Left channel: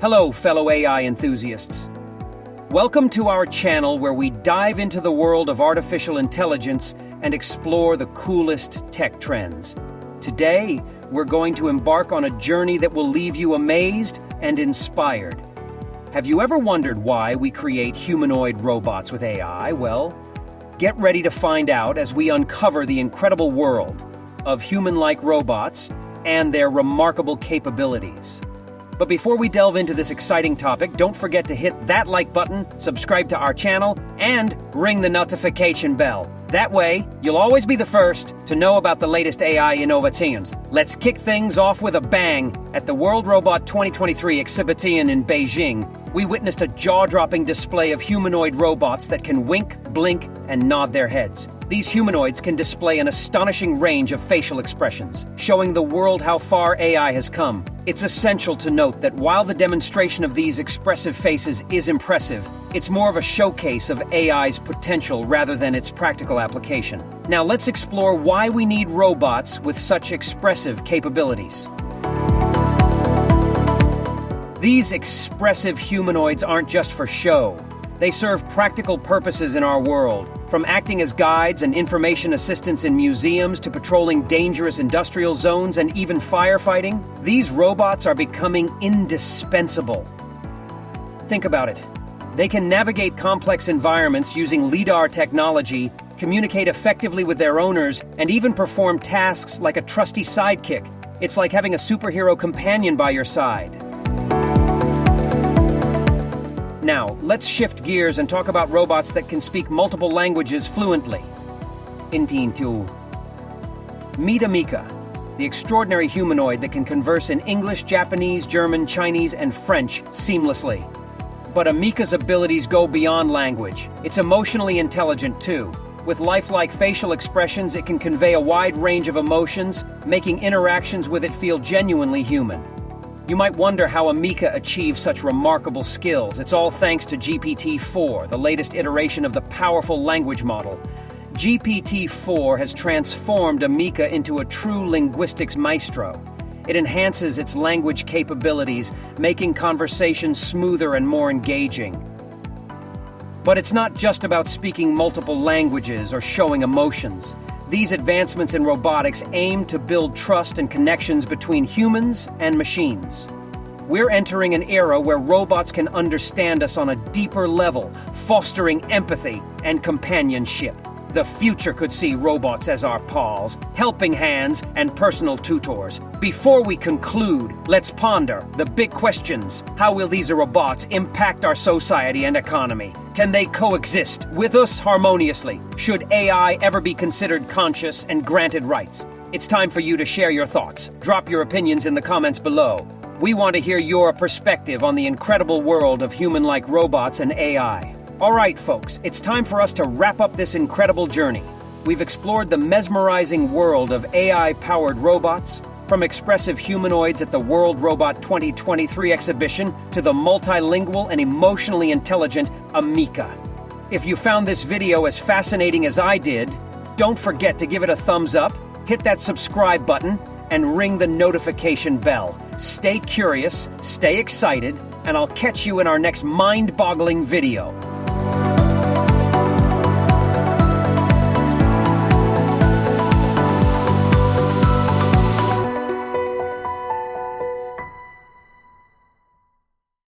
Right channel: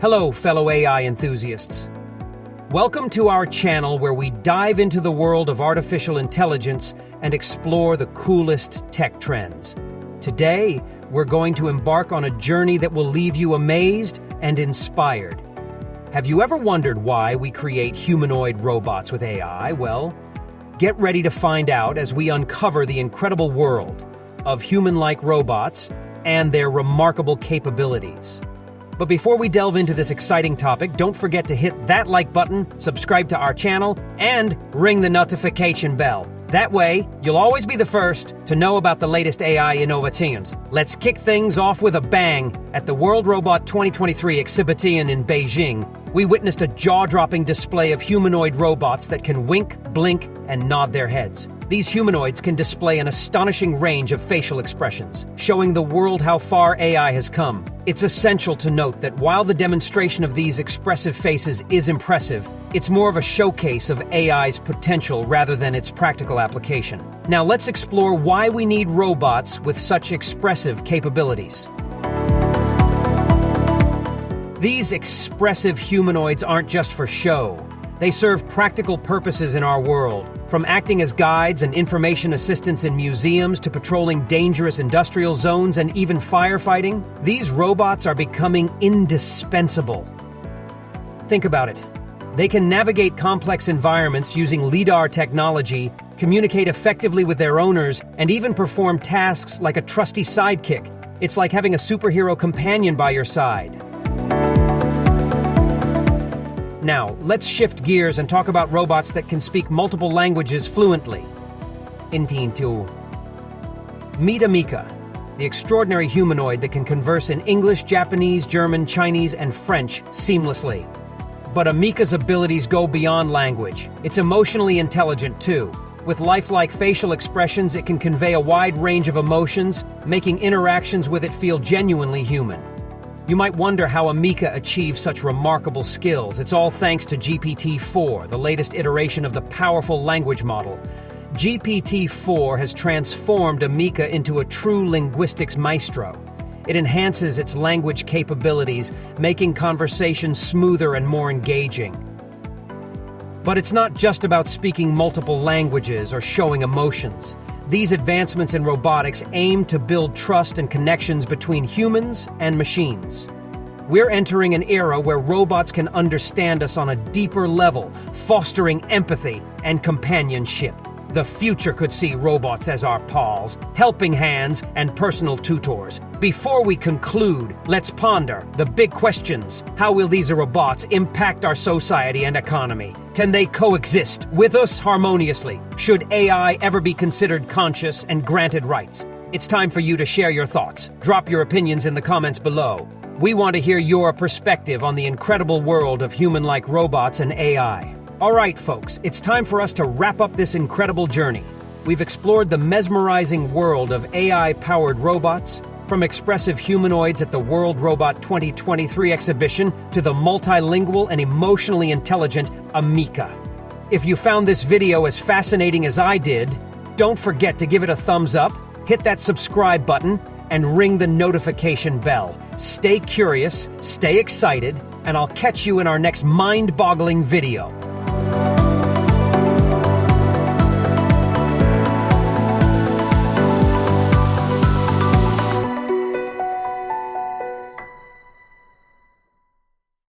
Hello, fellow AI enthusiasts. Welcome to our channel where we dive into the world of artificial intelligence and explore the coolest tech trends. Today, we're going to embark on a journey that will leave you amazed and inspired. Have you ever wondered why we create humanoid robots with AI? Well, get ready to find out as we uncover the incredible world of human-like robots and their remarkable capabilities. But before we delve into this exciting topic, don't forget to hit that like button, subscribe to our channel, and ring the notification bell. That way, you'll always be the first to know about the latest AI innovations. Let's kick things off with a bang. At the World Robot 2023 exhibition in Beijing, we witnessed a jaw-dropping display of humanoid robots that can wink, blink, and nod their heads. These humanoids can display an astonishing range of facial expressions, showing the world how far AI has come. It's essential to note that while the demonstration of these expressive faces is impressive, it's more of a showcase of AI's potential rather than its practical application. Now let's explore why we need robots with such expressive capabilities. These expressive humanoids aren't just for show. They serve practical purposes in our world. From acting as guides and information assistants in museums to patrolling dangerous industrial zones and even firefighting, these robots are becoming indispensable. Think about it. They can navigate complex environments using LiDAR technology, communicate effectively with their owners, and even perform tasks like a trusty sidekick. It's like having a superhero companion by your side. Now, let's shift gears and talk about robots that can speak multiple languages fluently. Meet Amica, the extraordinary humanoid that can converse in English, Japanese, German, Chinese, and French seamlessly. But Amica's abilities go beyond language. It's emotionally intelligent too. With lifelike facial expressions, it can convey a wide range of emotions, making interactions with it feel genuinely human. You might wonder how Amica achieves such remarkable skills. It's all thanks to GPT-4, the latest iteration of the powerful language model. GPT-4 has transformed Amica into a true linguistics maestro. It enhances its language capabilities, making conversations smoother and more engaging. But it's not just about speaking multiple languages or showing emotions. These advancements in robotics aim to build trust and connections between humans and machines. We're entering an era where robots can understand us on a deeper level, fostering empathy and companionship. The future could see robots as our pals, helping hands, and personal tutors. Before we conclude, let's ponder the big questions. How will these robots impact our society and economy? Can they coexist with us harmoniously? Should AI ever be considered conscious and granted rights? It's time for you to share your thoughts. Drop your opinions in the comments below. We want to hear your perspective on the incredible world of human-like robots and AI. All right, folks, it's time for us to wrap up this incredible journey. We've explored the mesmerizing world of AI-powered robots, from expressive humanoids at the World Robot 2023 exhibition to the multilingual and emotionally intelligent Amica. If you found this video as fascinating as I did, don't forget to give it a thumbs up, hit that subscribe button, and ring the notification bell. Stay curious, stay excited, and I'll catch you in our next mind-boggling video.